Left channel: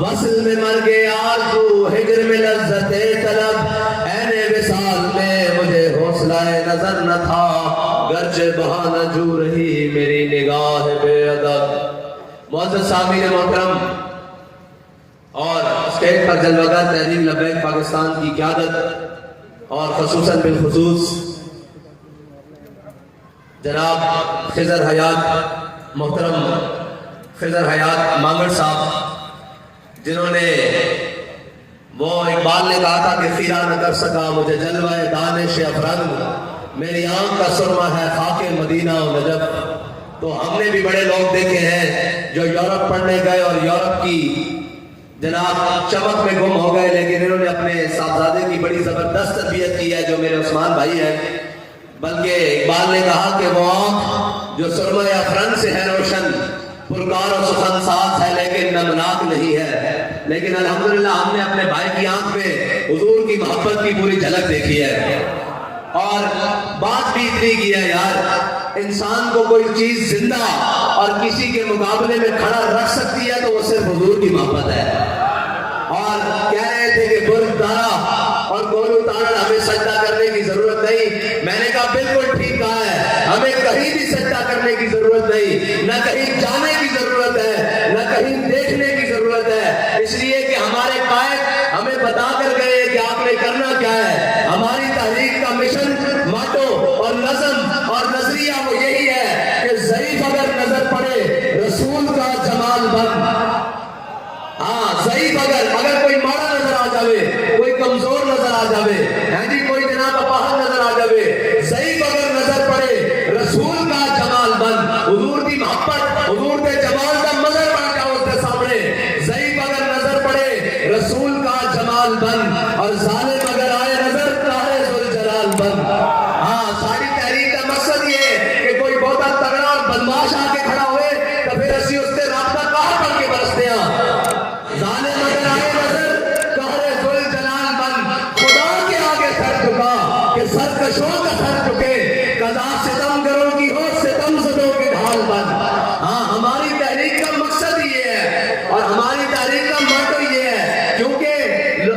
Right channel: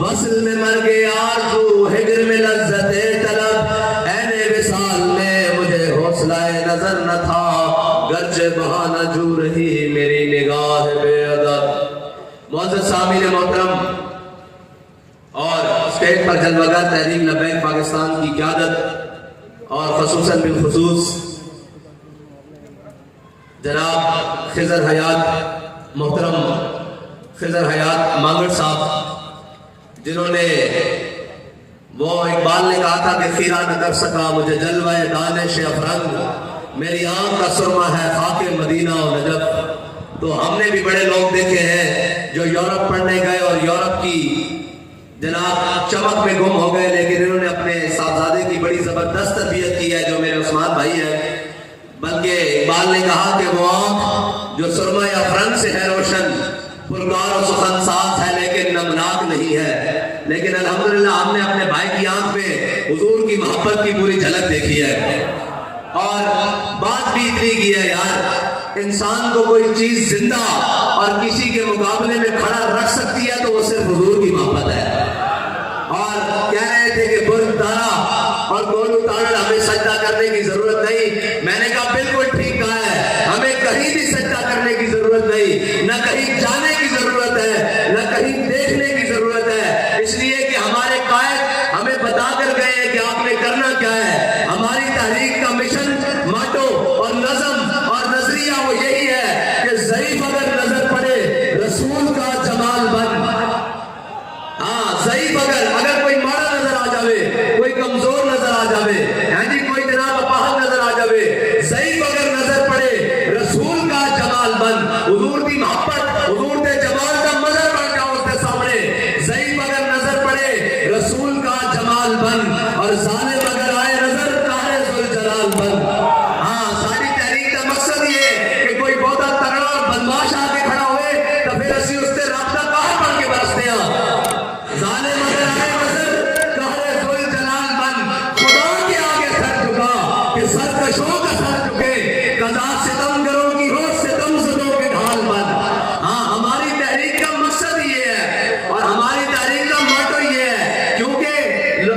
وصل میں مر گئے آرزو، ہجر میں لذت طلب، عین وصال میں مجھے حوصلہ نظر نہ تھا، گرچہ بہانہ جو رہی میری نگاہ بے ادب۔ معزز سامعین محترم اور اسٹیج پر جلوگر تحریک لبیک پاکستان کی قیادت اور خصوصاً بالخصوص جناب خضر حیات، محترم خضر حیات مانگڑ صاحب، جنہوں نے وہ اقبال نے کہا تھا کہ خیرہ نہ کر سکا مجھے جلوہ دانش افرنگ، میری آنکھ کا سرمہ ہے خاک مدینہ و نجف۔ تو ہم نے بھی بڑے لوگ دیکھے ہیں جو یورپ پڑھنے گئے اور یورپ کی جناب چمک میں گم ہو گئے، لیکن انہوں نے اپنے صاحبزادے کی بڑی زبردست تربیت کی ہے جو میرے عثمان بھائی ہیں۔ بلکہ اقبال نے کہا کہ وہ آنکھ جو سرمہ افرنگ سے ہے روشن، پرکار و سخن ساز ہے لیکن نمناک نہیں ہے، لیکن الحمدللہ ہم نے اپنے بھائی کی آنکھ میں حضور کی محبت کی پوری جھلک دیکھی ہے۔ اور بات بھی اتنی کی ہے یار، انسان کو کوئی چیز زندہ اور کسی کے مقابلے میں کھڑا رکھ سکتی ہے تو وہ صرف حضور کی محبت ہے۔ اور کہہ رہے تھے کہ برج تارا اور گولو تارا ہمیں سجدہ کرنے کی ضرورت نہیں، میں نے کہا بالکل ٹھیک کہا ہے، ہمیں کہیں بھی سجدہ کرنے کی ضرورت نہیں، نہ کہیں جانے کی ضرورت ہے، نہ کہیں دیکھنے کی ضرورت ہے، اس لیے کہ ہمارے قائد ہمیں بتا کر گئے کہ آپ نے کرنا کیا ہے۔ ہماری تحریک کا مشن، ماٹو اور نظم اور نظریہ وہ یہی ہے کہ ضعیف اگر نظر پڑے رسول کا جمال بن۔ ہاں ضعیف اگر کوئی ماڑا نظر آ جاوے، کوئی کمزور نظر آ جاوے، ہاں جی کوئی جناب اپاہج نظر آ جاوے، ضعیف اگر نظر پڑے رسول کا جمال بن۔ حضور کی محبت، حضور کے جمال کا مظہر بن جاؤ اس کے سامنے۔ ضعیف اگر نظر پڑے رسول کا جمال بن، اور ظالم اگر آئے نظر قاہر ذوالجلال بن۔ ہاں ساری تحریک کا مقصد یہ ہے کہ کوئی بہت تگڑا اور بدماش آ کے کھڑا ہوئے تو پھر اسی اس سے رابطہ قاہر بن کے برستے ہیں۔ ظالم اگر آئے نظر قاہر ذوالجلال بن، خدا کے آگے سر جھکا کہ سرکشوں کا سر جھکے، قضا ستم گروں کی ہو ستم زدوں کے ڈھال بن۔ ہاں ہماری تحریک کا مقصد یہ ہے اور ہماری تحریک کا موٹو یہ ہے، کیونکہ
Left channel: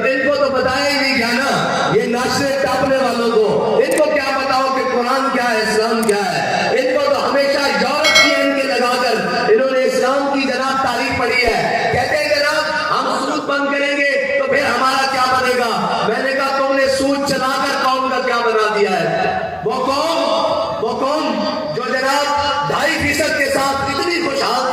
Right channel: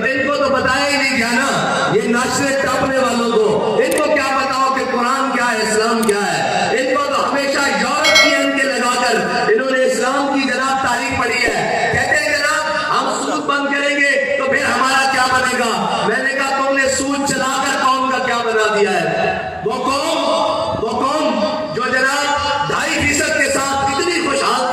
ان کو تو بتایا ہی نہیں گیا نا، یہ ناشرے ٹاپنے والوں کو ان کو کیا بتاؤ کہ قرآن کیا ہے، اسلام کیا ہے۔ ان کو تو ہمیشہ یورپ کی ان کے لگا کر انہوں نے اسلام کی جناب تاریخ پڑھی ہے، کہتے ہیں جناب ہم سود بند کریں گے تو پھر ہمارا کیا بنے گا۔ میں نے کہا تم نے سود چلا کر قوم کا کیا بنا دیا ہے۔ وہ قوم جو جناب 2.5% کے ساتھ اتنی خوشحال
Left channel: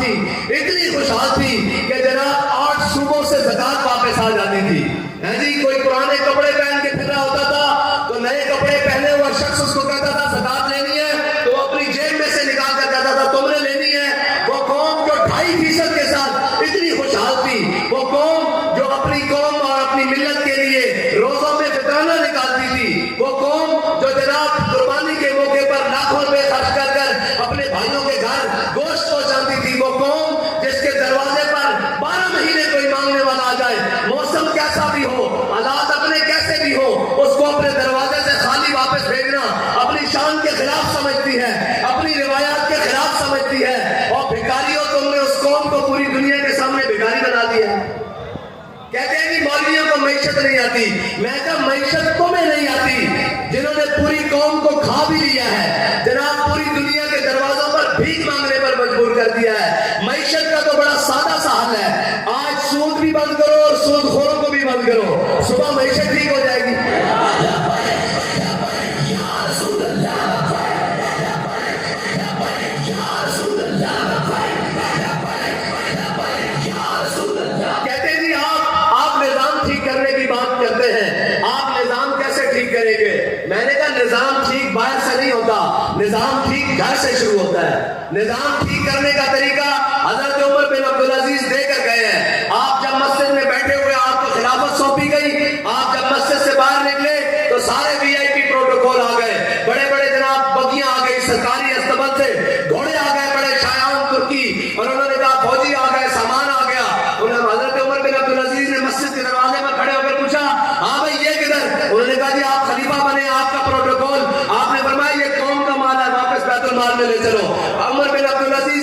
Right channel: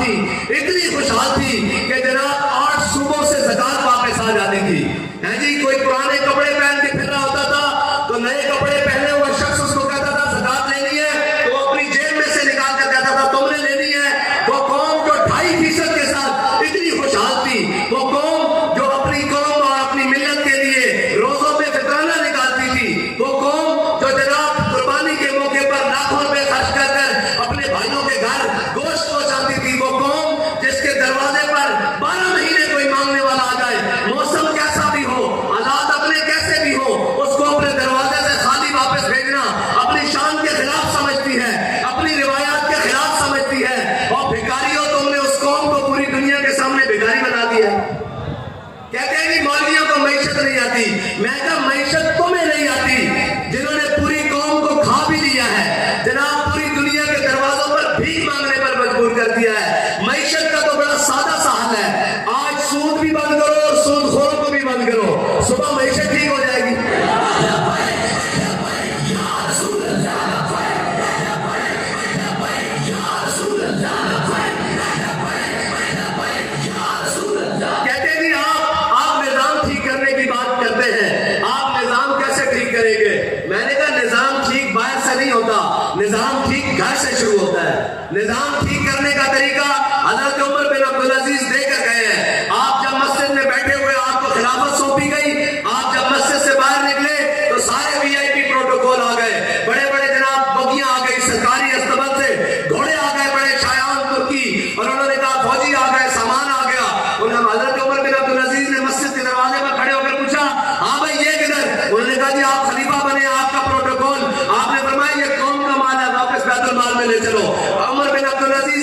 تھی کہ جناب 8 صوبوں سے زکوٰۃ واپس آ جاتی تھی۔ ہے جی کوئی پرانے کپڑے پہن کے پھر رہا ہوتا تھا تو نئے کپڑے پہنے ہوا شخص اس کو کہتا تھا زکوٰۃ لینی ہے تو وہ اپنی جیب میں سے نکال کر کہتا تھا تم نے لینی ہے۔ وہ قوم جو 2.5% کے ساتھ اتنی خوشحال تھی، وہ قوم جو اپنی قوم اور اپنی ملت کے لیے روزوں میں فطرانہ نکالتی تھی، وہ قوم جو جناب قربانی کے موقع پر لاکھوں روپے خرچ کر کر اپنے بھائیوں کے گھر گوشت پہنچاتی تھی، وہ قوم جس کے دروازے پر 12 مہینے کوئی مانگنے والا آ جائے، موسم کیسا بھی ہو، حالات اپنے کیسے بھی ہو، اس کو اپنے دروازے سے خالی واپس بھیجنا اپنی شان کے خلاف سمجھتی ہے، اپنی روایات کے خلاف سمجھتی ہے۔ اور بھکاریوں تم نے اس قوم کو پوری دنیا کے سامنے بھکاری بنا دیا۔ کہتے ہیں کہ مولویوں کو معیشت نہیں آتی، میں کہا معیشت تمہیں نہیں آتی جنہوں نے پوری قوم کو کھا بھی لیا ہے، جناب پوری دنیا کے دروازوں پر بھیک مانگنے پر مجبور کر دیا ہے۔ معیشت کا تو بڑا سادہ سا حل ہے، آج سود بھی بند کرو اور سود خوروں کو بھی بند کرو، صبح معیشت ٹھیک ہو جائے گی۔ کہتے ہیں جی آپ نظام ٹھیک کرنے کی بات کرتے ہیں، آپ نظام کیسے ٹھیک کریں گے؟ میں نے کہا نظام ٹھیک باہر سے نہیں ہوتا، نظام ٹھیک گھر سے شروع ہوتا ہے۔ نظام ٹھیک کرنے کا طریقہ حضرت عمر بن عبدالعزیز دے کر گئے ہیں۔ آپ جب مسجد میں بیٹھے ہوئے آپ کو خلافت سونپی گئی، آپ جب مسجد سے باہر نکلے تو سارے VIP پروٹوکول آ گئے، بڑے بڑے جناب بگیاں آ گئی سرکاری استبل سے، گھوڑے آ گئے بڑے شایان ترکی، اور انہوں نے کہا فوجی آ گئے، سامان آ گیا۔ حضرت عمر بن عبدالعزیز نے مسجد کے دروازے پر کھڑے ہو کر پوچھا ہاں بھائی یہ کدھر؟ انہوں نے کہا جی آپ خلیفہ بنے، آپ کا پروٹوکول، آپ نے فرمایا یہ قوم کا مال ہے، واپس بیت المال میں لے چلو۔ عمر بن عبدالعزیز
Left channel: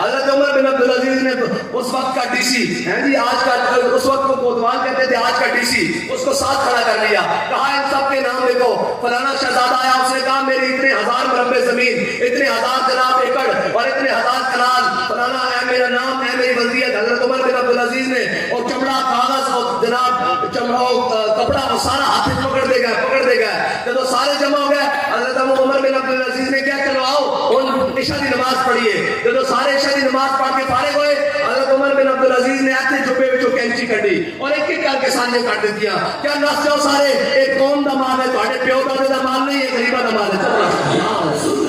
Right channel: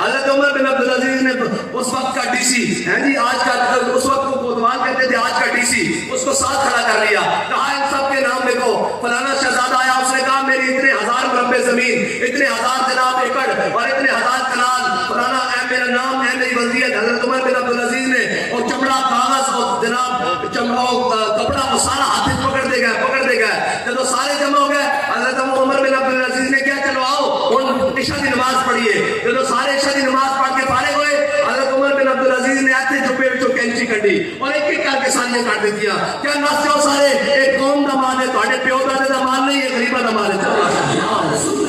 حضرت عمر بن عبدالعزیز نے اس وقت کا ڈی سی آج کا اس وقت کو کوتوال کہتے تھے, آج کا ڈی سی, اس کو ساتھ کھڑا کر لیا. کہا ان سب کے نام لکھو. فلانا شہزادہ آیا, اس نے کہا میری اتنے ہزار مربع زمین, اتنے ہزار جناب ایکڑ اور اتنے ہزار کنال, فلانا اے میرا نام, اے میری وصیت. حضرت عمر بن عبدالعزیز نے اور چمڑا کاغذ اور جناب کپڑا وہ سارا ہاتھ پکڑ دے گئے. جب سارے جمع ہو گئے, حضرت عمر بن عبدالعزیز نے کیا, چلو آؤ عشاء کی نماز پڑھیے. جب سارے عشاء کی نماز پڑھ کے فارغ ہوئے, حضرت عمر بن عبدالعزیز نے ایسے چپے وچوں کینچی کڈی اور ایک ایک کر کے ساریاں کٹ دیتیاں. کیا نس جاؤ سارے, ایک قوم دا مال ہے, تہاڈے پیو دادے دا مال نہیں ہے, غریباں دا مال ہے. چلو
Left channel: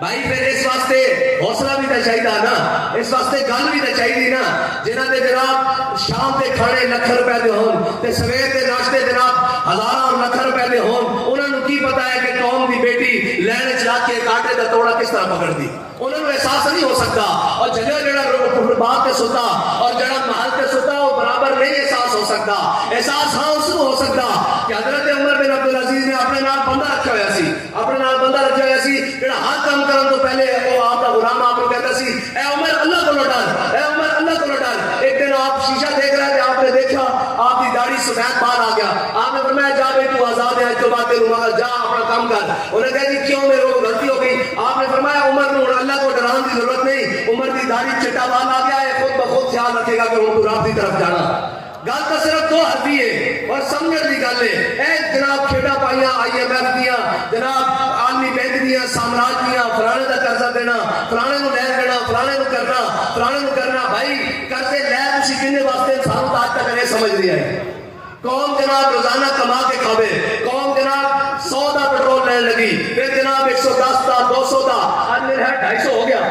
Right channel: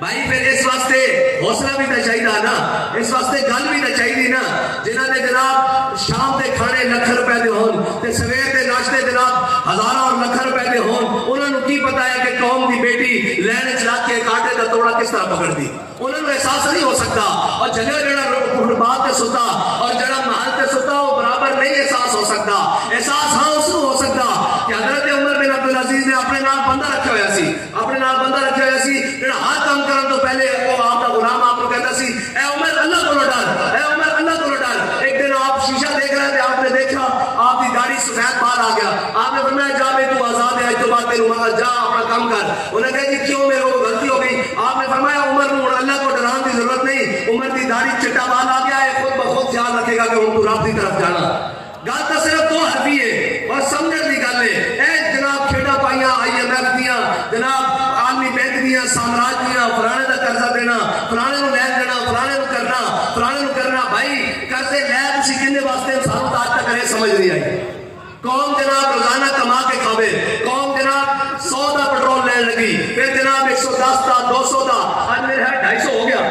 بھائی پھر اس واسطے حوصلہ بھی تو چاہیے نا, اس واسطے گل بھی تو چاہیے نا. جنہوں نے جناب شام کے کھانے لکھ روپے دے ہون تے سویر کے ناشتے جناب ہزار اور لکھ روپے دے ہون, انہوں نے کی پتا ہے کہ قوم کی بیٹی لین چلا کے کاٹے کا توڑا کس طرح پکڑ دی. انہوں نے احساس نہیں ہو سکتا. اور جگہ جڑا بات تے ستا اور جڑا محل تے ستا وہ برابر نہیں احساس ہو سکتا. احساس ہاں اس کو ہو سکتا کہ حضرت عمر بن عبدالعزیز نے اپنے نال بندہ رکھا ہوا سی, اپنے نال بندہ رکھا ہوا سی جڑا ہر کام کرن تو پہلے وہ آپ کا غلام آپ کو کہتا سی, اے عمر اللہ کو ڈر, اے عمر اللہ کو ڈر. ایک دن آپ شیشہ دیکھ رہے تھے, آپ نے دیکھا آپ کی داڑھی سفید بال آ گیا. آپ نے فرمایا جا بھائی تو آزاد ہے, تو بات جا اپنا کام کر. انہوں نے کہا جی کیوں, میرے کو غلطی ہو گئی. آپ نے فرمایا عمر کو اللہ کو ڈران کی ضرورت نہیں, عمر کی داڑھی چٹا بال آ گیا ہے, خود بخود خیال رکھے گا کہ وہ تو رب کی طرف جانا. گل تو صرف دو حرفی ہے اور سمجھنے کی گل ہے. اے جناب کھیڈا پائیاں IMF دیا, جناب عالمی بینک دیا, سامراج دیا, فلانے کا قرضہ دینا, فلانے کو لین دینا, فلانے کو کرنا, فلانے کو کرنا. بھائی قرضے لے تسی کنے واسطے, سانوں تو آج تک یہ سمجھ نہیں آئی. قوم جناب روزانہ کما کے کھاوے, قوم جناب 100 دا پٹرول لین لگی, پھر جناب 110 دا 200 دا, آج میرے ہے 250 ہو گیا.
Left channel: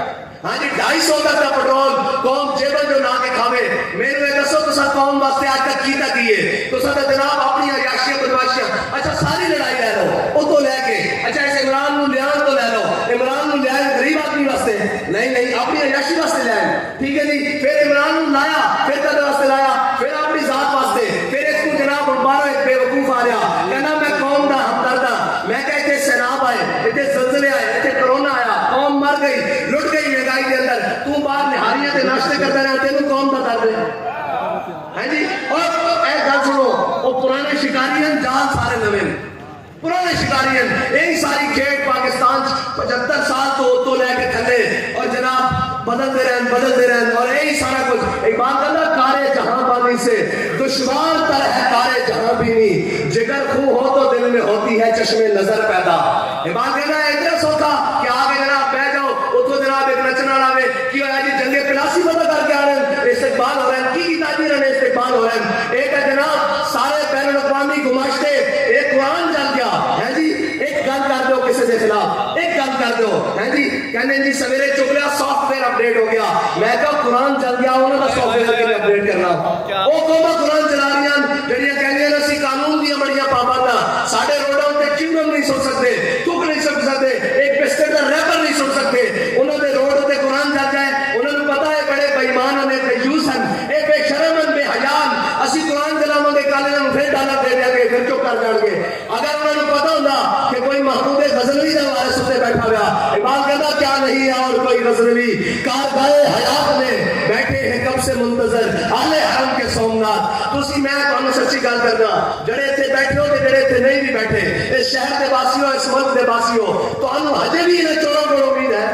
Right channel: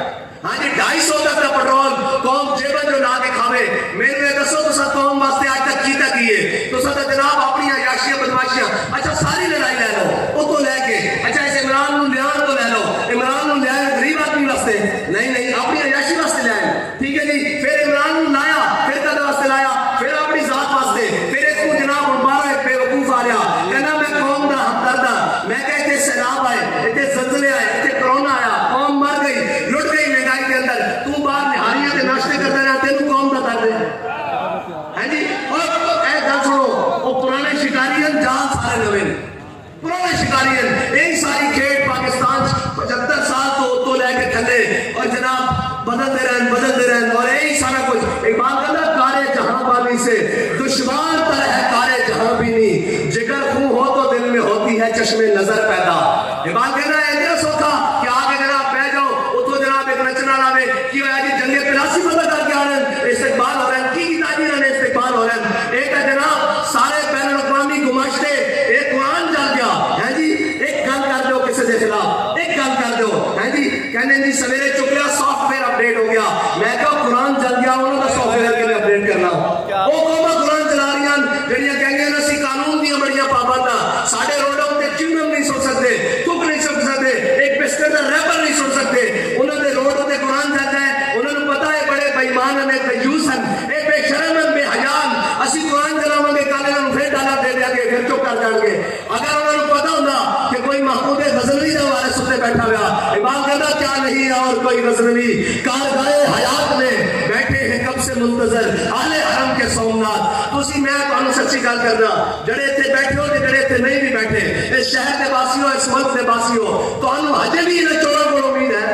ہاں جی 250 تک کا پٹرول قوم جیبن جو لا کے کھاوے. میرے دسو تو قوم واسطے آج تک کیتا کیے تو جناب اپنی عیاشیاں بدماشیاں, اچھا ساری لڑائی لے لو وہ تو لے کے, اچھا اس عمران نو لیا تو لے لو, عمران نو لیا غریب آدمی واسطے نہیں, اپنی عیاشی واسطے لے آئے. ٹھیک ہے جی, پھر عمران نو لایا, پھر کد واسطے لایا, پھر اپنی ذات واسطے. پھر اس کو جناب ہوں باہر ایک بے وقوف آ رہا, کہنا میں قوم دا ہمدرد ہاں. میں کہ اتنے سیلاب آئے, اتنے زلزلے آئے, اتنے کرونا آیا, قوم مر گئی, لٹ گئی مہنگائی کے اندر, تو باہر نہاریاں تے ناشتے کرتا رہا, تینوں قوم دا درد ہے. ہاں جی, اور اے گل سنو, وہ پرانے شکاری ہیں, جال سارے نوے, پرانے شکاری ہیں. یہی ساری کھیڈ پاکستان 75 سال تو لے کے تھلے اور جناب بدلتے رہن اور یہی سارا کچھ. اقبال کہتا کارے جہاں بانی سے دشوار تر ہے کارے جہاں بینی, جگر خون ہو تو دل میں ہوتی ہے چشم نظر پیدا. اقبال کہتا ہے اتنا سوکھا کہ آگے جناب بہ جاؤ, اتو جناب ایک نچنا لاوے کی ہوا جی جنگ پلاسی فتح کر کے آ رہے ہیں, استقبال ہو رہے ہیں, کی تاجی رہے استقبال ہو رہے ہیں. ایک ہے جناب سارے بین الاقوامی گماشتے, ایک قرآن جل گیا ہے جی, ایک گل کر دو کسی کے خلاف, ایک گل کر دو ہے جی, کہنے جی سویرے چک لیا سافٹ ویئر اپڈیٹ ہو گیا. میں کہا قرآن چل گیا, انہوں کا سافٹ ویئر کے لیے اپڈیٹ کرنا. وہ قوما قرآن چلا رہی ہیں جہاں کہیں گے اسی قانون دیا بڑیاں پابنداں, سارے روڈوں پہ چنگم نہیں سن سکتے, تک نہیں سن سکتے, ایک بسکٹ کا ریپر نہیں سن سکتے. انہوں نے روڈ پہ قرآن چل جائے, انہوں نے پتا ہے بڑے بےمان ہیں, بیوس ہیں, اے بے شرم ہیں, بے حیان. اسی قرآن چلاو گے کل انہوں پھر ڈالا دے دیں گے, پھر چپ کر جان گے. اگر انہوں نے پتا ہوتا کہ کوئی محمود غزنوی نے ہمارے ستے بیٹھا ہوا, اقبال کہتا کیا نہیں ہے اور کوئی غزنوی, کارگاہ حیات میں بیٹھے ہیں کب سے منتظر اہل حرم کے سومنات. تسی میں تمہیں سچی گل کرنا, جڑے اتنے بیٹھے ہو جڑے اتنے نہیں بھی بیٹھے, اس شہر کے باسیوں, اس ملک کے باسیوں, تمہیں ہجے بھی انہیں چوروں کو امید ہے.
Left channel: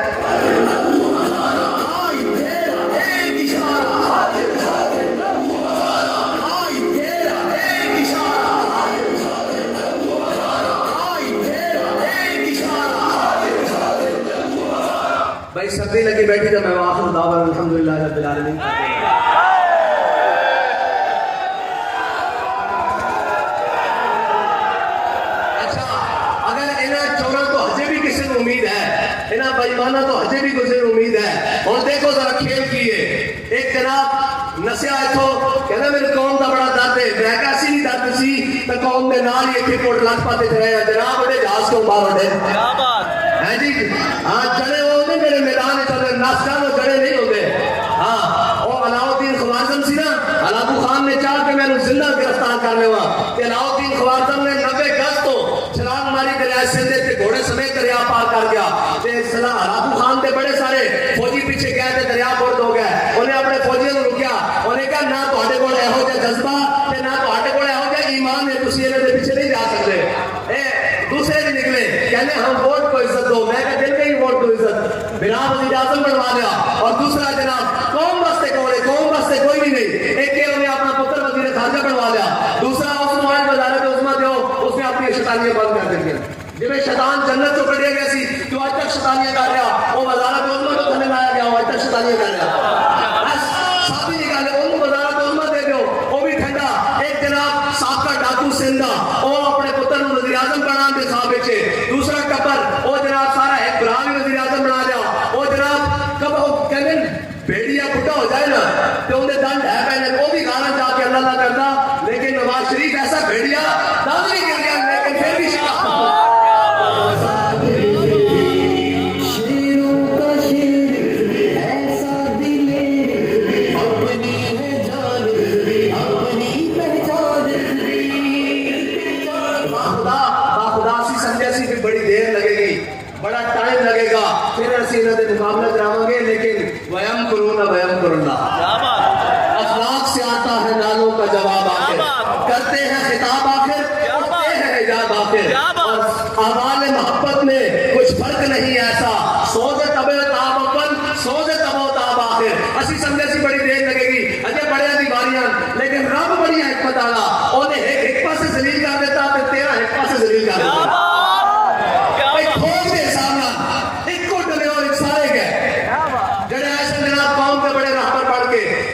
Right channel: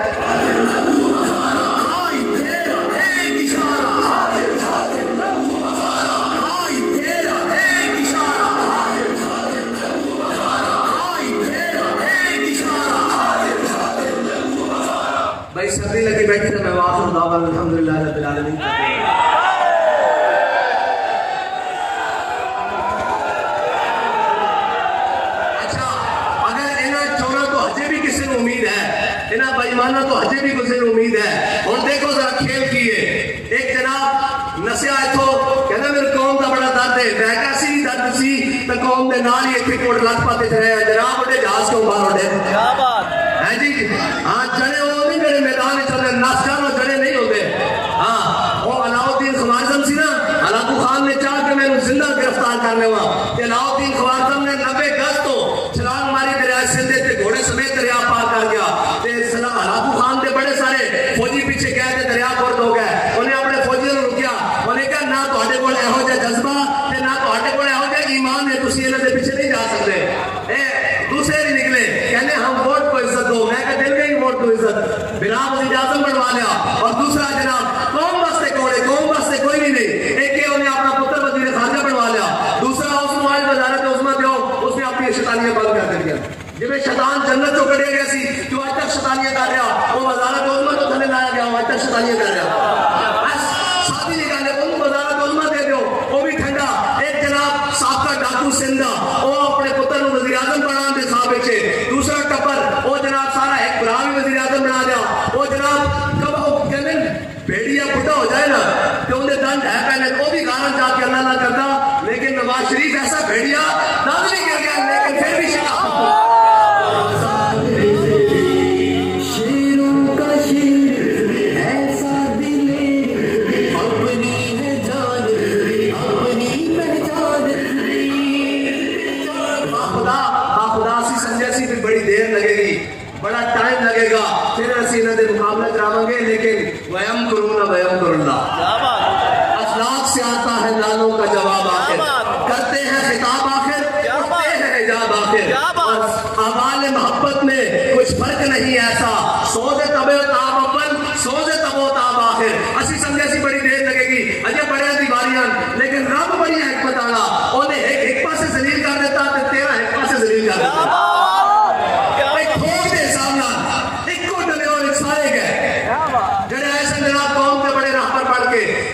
بھائی سردی لگی بیٹھی تو میں آخر دعویٰ الحمدللہ رب العالمین. اچھا اگر انہیں چورا تو ہجے بھی کسی کو امید ہے, انہیں بےمانہ تو ہجے بھی کسی کو امید ہے. اور دیکھو ذرا کھیل کیے, ایک جناب نسیا اتو کہنا میرے قوم کا بڑا درد ہے, ڈریکا سی بھی درد سی تو قوم کے نال ہی اتنے کوٹ لگ پاتے چلے ہیں. جناب اڈے جہاز کیوں باہر اڈے ہیں جی, ہاں جڑے وہ نہیں جڑے میدان چلتے, نس جان وہ جڑے نہیں ہوتے. ہاں وہ علاؤ الدین خوارزم سی نا, علاقو خان خان نے چاہ کہ میں زندہ گرفتار کر لوا کہ علاؤدین خوارزم نے 90 گز تو چھلانگ ماری دریائے سندھ تے گھوڑے سمیت دریا پار کر گیا تے ہلاکو خان تے بڑے سارے فوجی پیچھے گئے تے دریا بورد ہو گئے انہیں اپنے فوجیوں کو رکیا انہیں کہا نہ تہاڈے کول ایہو جہا جذبہ تے نہ تہاڈے کول ایہو جہا ایمان ہے تسی انہاں دے پیچھے نہیں جا سکتے دوسرے نہیں نکلے کہنے ہم ووٹ کو عزت دو میں کہا دل گئی ووٹ کو عزت بنا وزیر اعظم بنوا لیا اور دوسرا جناب قوم واسطے کون ہے قوم واسطے کوئی بھی نہیں ایک کہ انہیں اپنا پتر وزیر خارجہ بنوا لیا دوسرا اس موبائل وزارت عظمیٰ دیو اس نے اپنی شیطانیاں بند کر دیا جب شیطان جنت چو کڑے گیا سی جو آج تک شیطانیاں کر رہا وہ وزارت عظمیٰ کو تھلے لایا گیا وہ آج تک شیطانیاں کر رہا بس ساتھی نکالے ان وزارت عظمیٰ دے دیو وہ بھی ٹھنڈا ایک جناب سابقہ ڈاکو سندھا وہ اپنے پتر وزیر اعظم بنا دے صاحب دوسرا ٹپر وہ جناب سارا ایک برا بھی وزیر اعظم بنا دیا وہ جناب کب وہ کہنے بیڑیا بڑھا ہو جائے نا تو انہیں دن ہے پہلے وہ بھی گانا چاہ کے اللہ نہ کرتا لیکن نواز شریف ایسا بیڑیا دن نہیں کر گیا لیکن پھر بھی بڑی دیر لگے گی بڑا ٹائم لگے گا پھر اسی انہوں نے مقابلہ کراؤں گے لیکن ویم کرون ویم کرنا اخلاق سے آتا ہے نالوں کا جواب آخر کرتے ہیں خطاب آخر کرتے ہیں حجاب آخر اور اعمال محبت میں کچھ فرق نہیں ایسا سوز تب تاب اول سوز تب تاب آخر اسی سمجھے سی بڑی دیر لگے گی اجے بڑے دیواریاں لیکن رب بڑی حکمت والا انہیں ایک پاسے ذلیل کر دیتا تو تیرا ایک پاسے ذلیل کر دیتا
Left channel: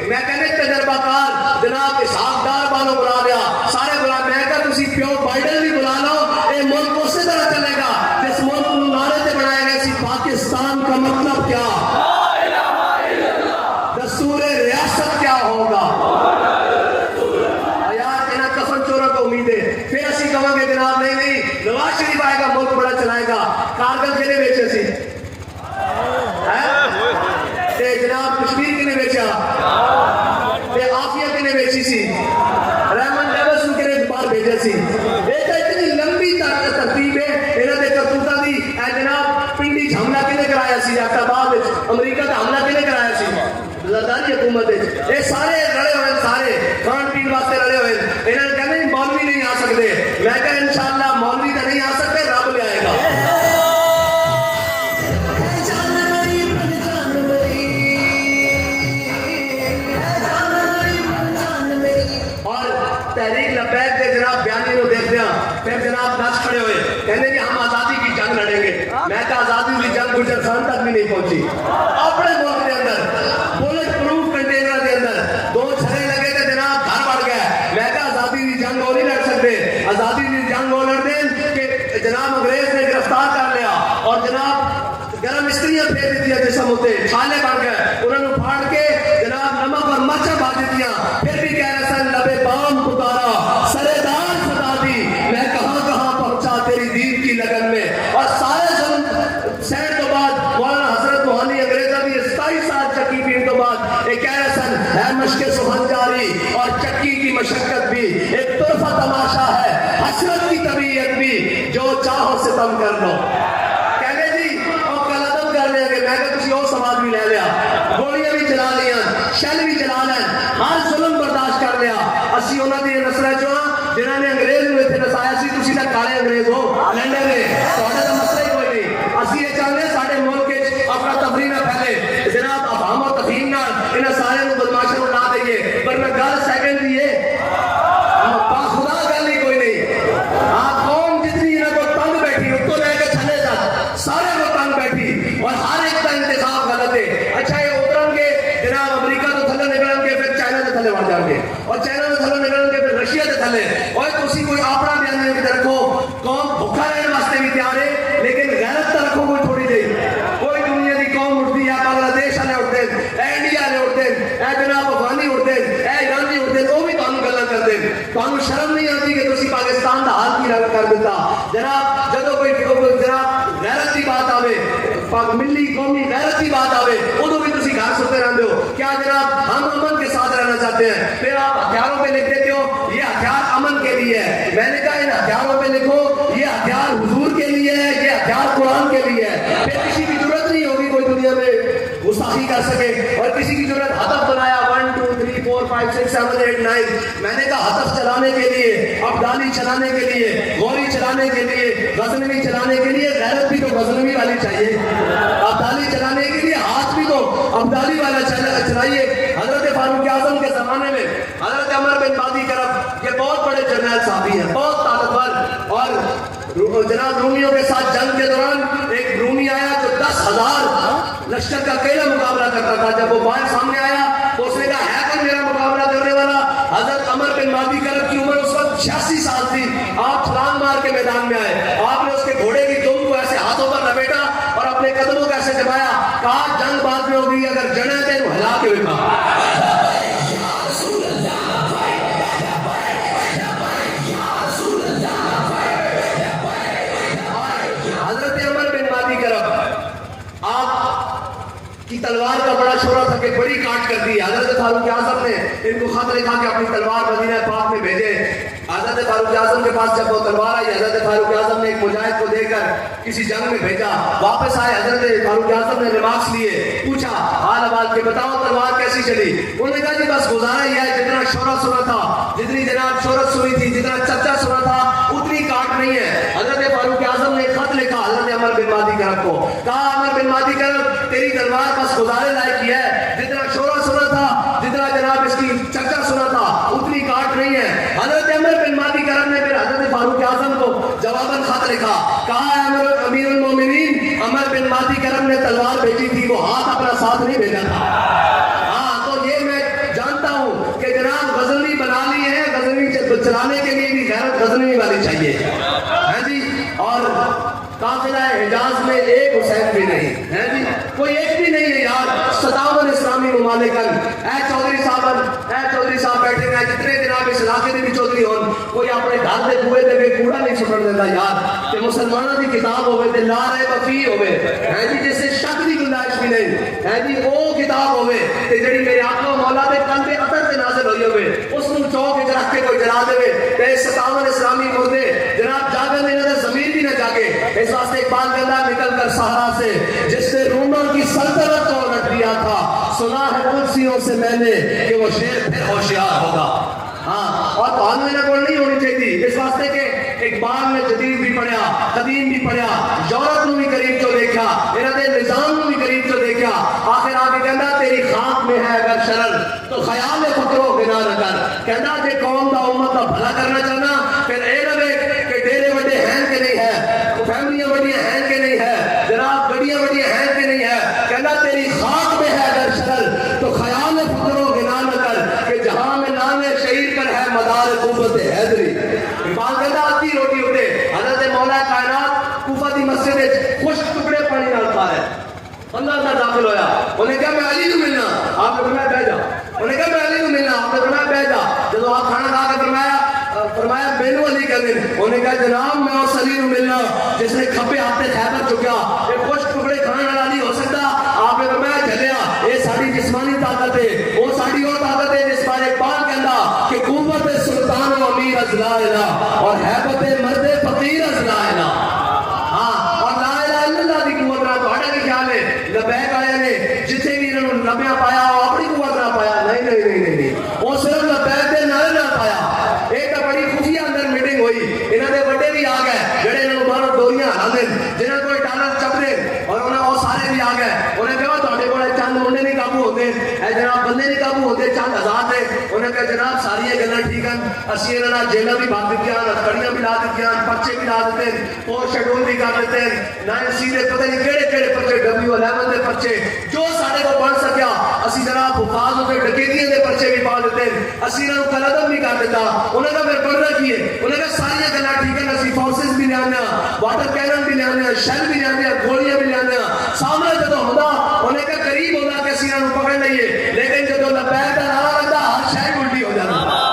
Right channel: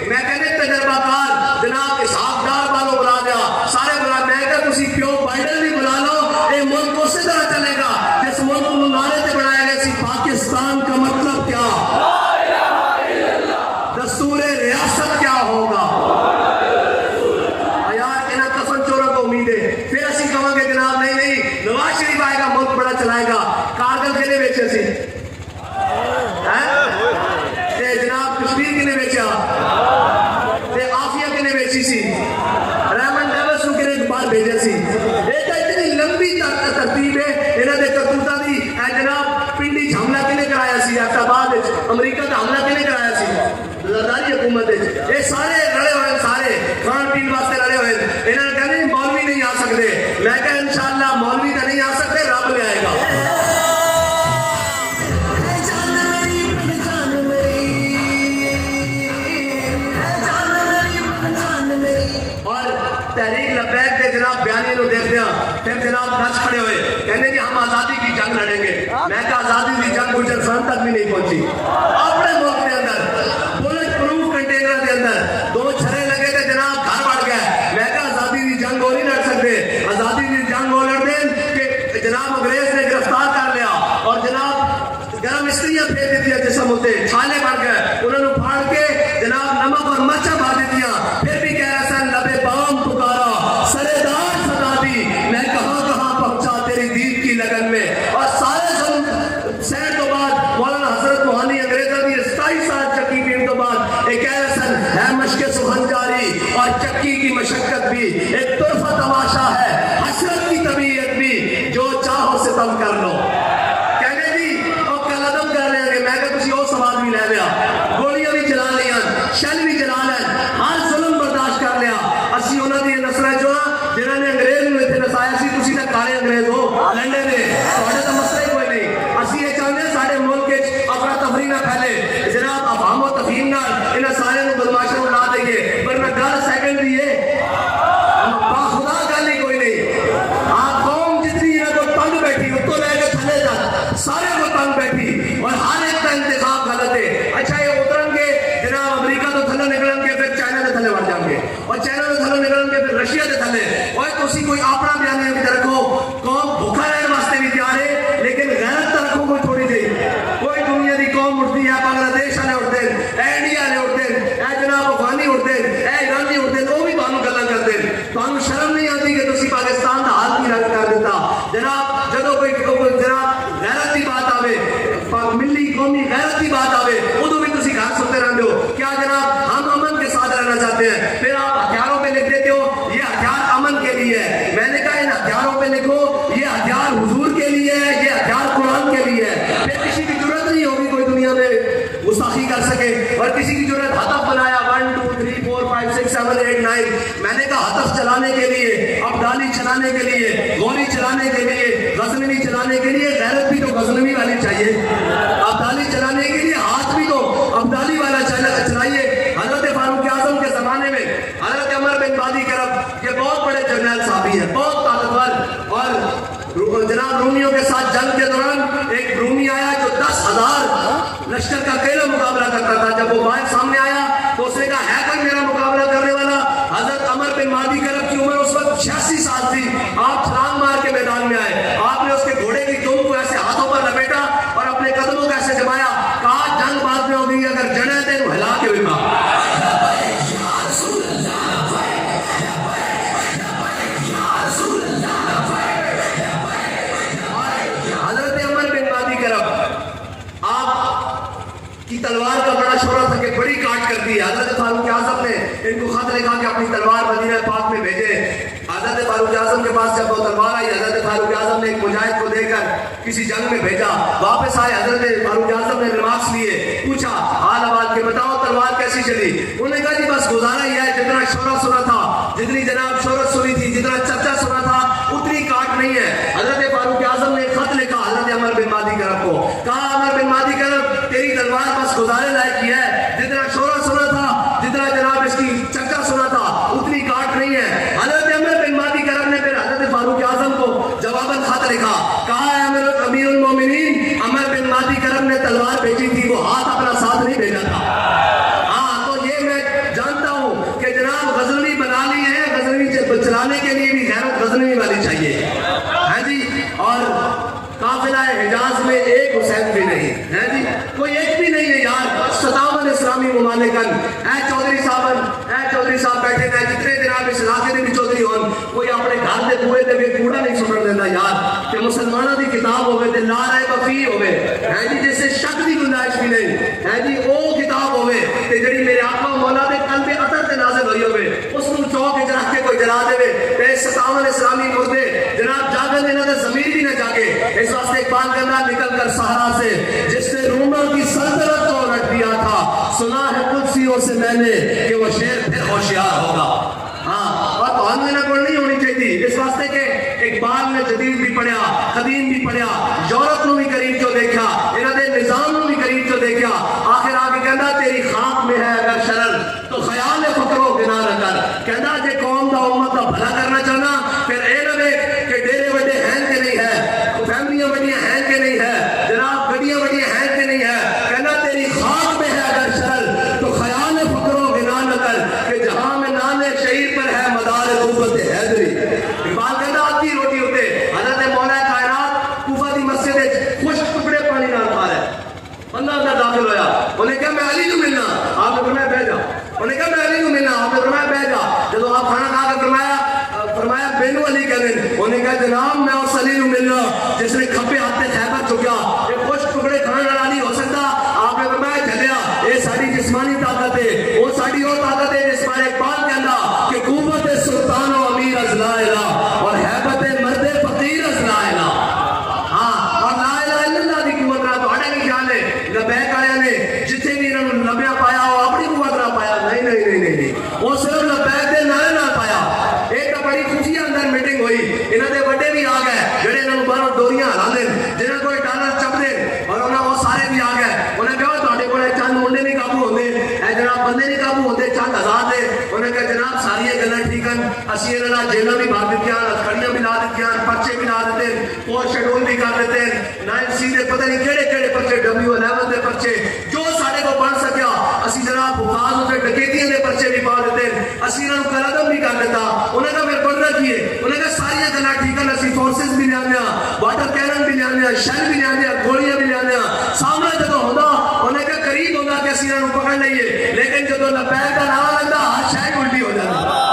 میں کہنے تجربہ کار جناب اسحاق ڈار والوں بلا دیا سارے بلا میں کہا تسی پیو بائیڈن بھی بلا لو اے ملک اسی طرح چلے گا جس ملک کو نعرے تے بنائے گئے سی پاکستان کا مطلب کیا دستور ریاست کیا ہوگا یار انہاں کفن چوروں کو امید ہے پھر اسی کہوں گے جناب نہیں نہیں نواز شریف آئے گا ملک بڑا چلائے گا کارگل کے لیے بیچے سی جناب کشمیر کے لیے بیچا آفیہ کے لیے بیچی سی رحمن ڈیوس کے لیے باہر بھیجا سی ایک اتنی لمبی ترتیب ہے انہوں نے کرتوتا دی جناب پنڈی حملہ کے لیے کرایا سی آباد امریکہ کا حملہ کے لیے کرایا سی زرداری حکومت یہ سارے لڑے ہوئے سارے کھان پین واسطے لڑے ہوئے انہوں نے کہنے مولوی نہیں آ سکتے میں کہا انشاءاللہ مولوی کا نہیں آ سکتے رب لے آئے گا تحریک لبیک کے جناب بیانی کو دیکھتے ہیں پھر جناب نچ کھڑے ہوئے کہنے کہ ہم آزادی کی جنگ لڑیں گے میں کہا آزادی کی جنگ گجر خان تک بھی نہیں پہنچی اپنے ملک کے اندر بلٹ پروف کنٹینر کے اندر 2 چھرے لگے تھے جناب گھر بڑھ گیا میں کہا آزادی کی جنگ وہ نہیں لڑ سکتے آزادی کی جنگ وہ لڑ دیں کہ جناب انگریز نے گرفتار کر لیا اور جناب گرم استریاں پھیر دیتی ہیں جسم ہوتے چھالے بڑھ گئے انہوں نے پھاڑ کے جناب نمک اور مرچیں بھر دیتی ہیں پھر بھی کہہ رہا سن لبے بام پکارا سرے دار سدا دی میں کہاں کہاں پہنچا تیری دین کی لگن میں اور سارے سینڈ تو بعد مولانا حضرت موہانی انگریزہ دی 27 سال چکی پین تو بعد ایک کہہ رہا سن ہے مشق سخن جاری اور چکی کی مشقت بھی ایک طرفہ تماشا ہے حسرت کی طبیعت بھی جو چاہو سے تم کر لو میں کہ تسی اور سوال بھی لے لیا گولیاں بھی چلا لیا شل بھی چلا لیں ہر ظلم برداشت کر لیا اسی انہوں نے نسل جو جنہوں نے انگریز میں اتنے نسایا سی تسی نہ کالے انگریز ہو لنڈے نے تھوڑے تو مسئلہ ہی کوئی نہیں اسی یہ چاہتے ہیں سارے ملک اپنا تفریح نہ پھیلے جناب افہام و تفہیم نہ انہیں سارے بدماشوں کو لا دئیے پر میں گل سیکنڈ دیے خدا گل ہی کوئی نہیں قوم جتنی انہیں کو تنگ بیٹھی اس کو لے کے تھلے تک سارے کو تنگ بیٹھی اور ہر ایک کا انتخاب غلط ہے اچھا یہ اترن گے جناب امریکہ تو تھلے نکلن کے پھر چائنا کے تھلے بڑھ جان گے اور چائنا کے تھلے نکلن کے پھر رشیا کے تھلے اور تسی کوئی اپنا بیانیہ بھی رکھو قوم بھوکا رہنے واسطے بھی تیار ہے لیکن غیرت تو رکھو کوئی تھوڑی جی کوئی دنیا کی قوم اٹھتی ہے بنگلہ دیش والے اٹھتے ہیں انڈیا والے اٹھتے ہیں جناب افغانی اٹھتے ہیں ایرانی اٹھتے ہیں وہ بھی تمہیں گلا کرتے ہیں تمہیں شرم نہیں آتی کہ تسی پاکستان کا حال کی رنگ کر دیتا جناب جدو کوئی جناب غیرت کی بات آوے ملی قومی غیرت کی بات آوے ادو بھی تسی گھر سوتے رہتے ہو کیا جناب ہم امن کے ساتھ رہنا کرنا چاہتے ہیں. پھر آپ ہتھیاروں پہ لکھ دیتے ہو یہ ہتھیار امن کے لیے ہے. میں نے کہا ان ہتھیاروں پہ لکھو یہ ہتھیار حضور کے لیے ہے, یہ ہتھیار قرآن کے لیے ہے. پھر کسی کی ضرورت نہیں ہوگی کوئی دنیا میں گستاخی کر سکے. اور کسی کی ضرورت ہدف بنایا 1 2 3 4 5 6 7 8 9. میں نے کہا ہدف چلانے کے لیے, ابدالی چلانے کے لیے, غوری چلانے کے لیے, غزنوی چلانے کے لیے غیرت بھی تو غزنوی والی چاہیے. ابدالی چلانے کے لیے ہاتھ بھی تو ابدالی والا چلائیے. حضرت فاروق اعظم کے زمانے میں حضرت عمر بن بادی کرب یہ بہت بڑے جرنیل صحابی ہیں, بہت طاقتور. اور جناب رومیوں کے ساتھ جنگ کے دوران ایک رومی آیا جو 10,000 لشکر کا اکیلا مقابلہ کرتا تھا. جب وہ باہر سامنے آیا تو اس نے کہا ہے کوئی میرا مقابلہ کرنے والا؟ حضرت عمر بن بادی کرب کی عمر اس وقت 86 سال تھی. آپ چھلانگ مار کے میدان میں آئے, آپ نے اس کے گھوڑے کی دم کو ایسے ہاتھوں پر لپیٹا اور اپنے قدموں کو ایسے دبایا, کہا جنگ بعد میں ہوگی, اگر جڑے تھے تو ہلا کے بکھا. حضرت عمر بن بادی کرب آپ کی تلوار کا بڑا شورا تھا کہ بڑی کاٹ کر دی. حضرت فاروق اعظم نے ان کو خط لکھا کہ اپنی تلوار مدینہ پاک میں بھیجے. حضرت فاروق اعظم کے پاس جب وہ تلوار آئی, حضرت فاروق اعظم نے ایک مجاہد کو دے کر کسی جنگ میں بھیجا. واپس آئے, حضرت فاروق اعظم نے ریمارکس لیے, پوچھا حال آباد کے بتاؤ تلوار کیسی چلی. انہوں نے کہا جی بس گزارا ہی ہے, جتنا شورا سنا تھا, جتنی جناب شہرت سنی تھی, جتنا چرچا سنا تھا اتنی کاٹ نہیں ہے. حضرت فاروق اعظم نے خط لکھا حضرت عمر بن بادی کرب کو, کہا عمر بن بادی کرب تیری تلوار بس گزارے لائق ہی ہے, جتنا شورا سنا تھا, جتنا جناب اس کی چرچا سنا تھا اتنی کاٹ نہیں ہے. حضرت عمر بن بادی کرب نے پھر حضرت فاروق اعظم کو جواباً خط لکھا, کہا ہے امیر المومنین عمر بن بادی کرب نے تلوار بھیجی تھی, وہ ہاتھ اپنا ساتھ نہیں بھیجا تھا. ہاں تو یہ میں جانتا ہوں کہ جناب غزنوی بنا لی ہے, غزنوی چلانے کے لیے بھی غیرت غزنوی والی چاہیے. ہاں جی, اور قافلہ حجاز میں ایک حسین بھی نہیں ہے جی, کوئی ایک بھی نہیں ہے یار. 57 اسلامی ممالکن اے چودھری صاحب بیٹھے ہیں, جتنے جناب اس علاقے میں بھی چودھری ہون, کوئی اپنے گھر کے کنویں دے کے کوڑا نہیں سٹن دیتا یار. کہ مسلمانوں کی کتاب ہوئے تے لا رہے وفی ہوئے ہے جی, جس سے شک کی گنجائش بھی نہیں ہے جی. وہ کتاب ہوئے کہ جڑی میرے آقا و مولا دے قلب اطہر تے نازل ہوئی ہوئے, اس کو چوک وچ رکھ کے کوئی جلا دے تے 57 اسلامی مردے جناب جاگن انہاں دے ضمیر بھی نہ جاگے. اس واسطے اقبال کہنا نکل کر صحرا سے جس نے رومن کی سلطنت کو الٹ دیا تھا, سنا ہے قدسیوں سے میں نے کہ وہ شیر پھر ہوشیار ہوگا. ہاں, اور تو ہم نہ نہیں ہونی چاہیے. اس واسطے کہ اقبال نے جدید بھی پڑھیا, قدیم بھی پڑھیا, یورپ نو بھی قریب چو دیکھا, انہاں دے نظام نو بھی قریب چو دیکھا. آخر آ کے کہنا تیری خاک میں ہے اگر شرر تو خیال فکر و گناہ نہ کر. کہنا جے قوم دا امت دا بھلا کرنا چاہنا پھر اے نہ دیکھ کہ ڈیرے وڈے ہیں کہ نہیں ہے, فیملیاں بڑیاں ہیں کہ نہیں ہے, جناب گڈیاں بڑیاں ہیں کہ نہیں ہے. کہنا تیری خاک میں ہے اگر شرر تو خیال فکر و گناہ نہ کر کہ جہاں میں نان شہید پر ہے مدار قوت حیدری. اقبال کہنا آدھی روٹی ہوتے حضرت مولا کائنات کوفہ دی مسجد خشک ٹکڑے پانی نال کھا رہے, بندہ اندر داخل ہویا, انہیں کہا میں علی کو ملنا, آپ نے فرمایا بیٹھ جا. انہیں کہا میں علی کو ملنا, آپ نے فرمایا بیٹھ جا. جب آپ کھانا کھا کے فرمایا بینو علی کہہ دیں, انہیں کہا جناب میں اس علی کو ملنا جس نے کھپے آپ پہ خیبر چکیا, ایک خوش ٹکڑے کھانے والا نہیں ہو سکتا. آپ نے فرمایا چلیا یہ ساری جسمانی طاقت ہے, وہ ساری وہ طاقت ہے جس پر اقبال کہنا کہ قوت سلطان و امیر از لا الہ اور حیبت مرد فقیر از لا الہ. ہاں, اور لا الہ الا اللہ دی قوت نہ تو کی خیال ہے لبیک والے نے جتنے بھی انہوں نے لبیا پایا وہ اپنی قوت نہ پایا, نہیں, وہ صرف لبیک دے نعرے نہ پایا. ایک بڑی خفیہ اندر میٹنگ ہوئی, انہوں نے بڑے بھی آ گئے جڑے انہوں نے باہر ڈوریاں ہلا دیں, جنہوں کو ڈالر چپ دیں, اور انہوں وہ سارے بھی آ گئے. انہیں کہا تھوڑے کو چند منڈے نہیں قابو ہوتے, اے جناب بندے نہیں قابو ہوتے, چند ہزار دے. انہیں کہا جناب ساری گلاں ٹھیک ہیں, اسی انہوں نے جیلوں بھی بھر دیتی ہیں, کڑیاں بھی لا دیتی ہیں, پرچے بھی لا دیتے ہیں, اور شیڈول بھی کر دیتے ہیں, 9C دے پتہ نہیں کہڑے پرچے, W11 دے پرچے, جو سارے کو بن سکیا اسی جناب حفاظ ہو کے ڈکیتیاں دے پرچے بھی پا دیتے ہیں, اسی انہوں نے قلعدم بھی کر دیتا. انہیں کہا پھر بننا کیے, انہیں کہا ساری گلاں ٹھیک ہیں, اسی فورسز بھی لے آنے, واٹر کینن بھی لے آنے, شیل بھی لے آنے, گولیاں بھی لے آنے. سامنے جدو ہوتا انہیں کہا قریب ہوتا کہ اسی انہوں پکڑ لئیے, لیکن جدو لبیک کا نعرہ لگتا ہر شاید الٹی ہو جاتی.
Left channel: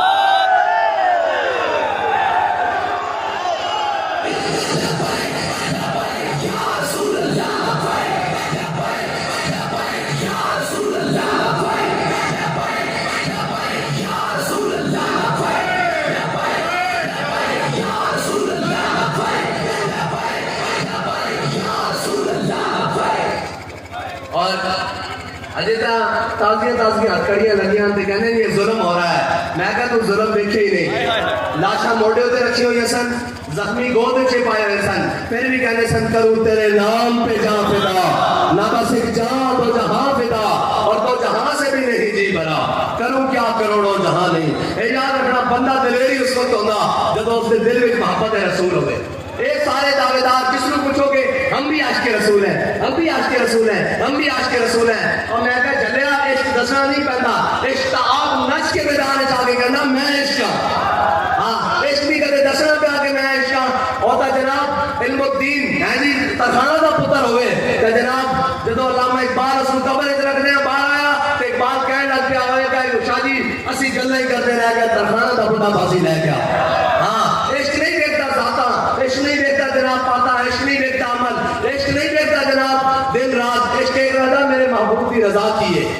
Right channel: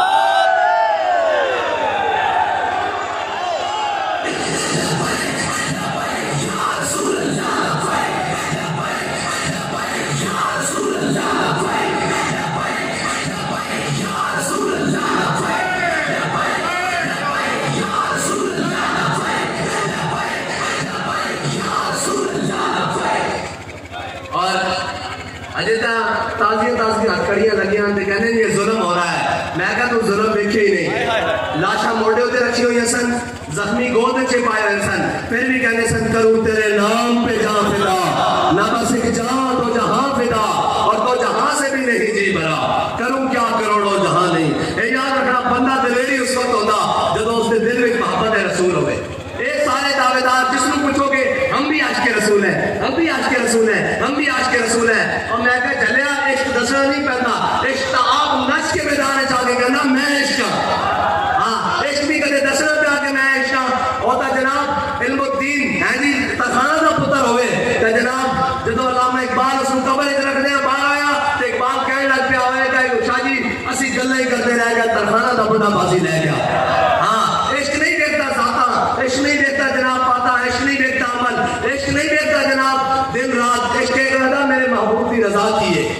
تازیاں کڑیاں لگیاں تے کہنے یہ ظلم ہو رہا ہے. میں کہا تو ظلم دیکھے ہی نہیں. لاشاں موڑے ہوتے رکھی ہوئی سن, زخمی گود چے پائے ہوئے سن, پھر بھی کہنے سن کروں تیرے نام پہ جا فدا, نہ بس ایک جا تو جہاں فدا, اور تو جہاں سے بھی نہیں جی بھرا, کروں کیا کروڑوں جہاں نہیں. اے یاد رکھنا بندہ دلیری اس وقت ہوتا جب اس کے دل میں محبت رسول ہوئے. اے سارے دعوے دار جس کو پوچھو گے ہم بھی عاشق رسول ہیں, ہم بھی عاشق رسول ہیں, ہم بھی عاشق رسول ہیں. اور میں کہا جلیا عشق دسنا نہیں پہنتا, عشق آپ نچ کے میدان چاہ کے کہنا میں عشق ہاں. ہاں عشق بھی کدے دسنا پیا کہ میں عشق ہاں. ہوتا جناب علم الدین ہے جی ترخانہ دا پتر ہوئے تو جناب جدو علامہ اقبال اس کو قبر ادھر رکھنے باہر آیا تو اقبال کہنے لگ پیا ہوئے کہ شاہ جی اسی گلیں ہی کرتے رہ گئے, ترخانہ دا بڑا بازی لے گیا. ہاں عشق نہیں دیکھتا ذاتا, عشق نہیں دیکھتا جناب پاتا, عشق نہیں دیکھتا عمل, عشق نہیں دیکھتا جناب دن رات. عشق ایک رہا میرے محبوب کی رضا کی ہے.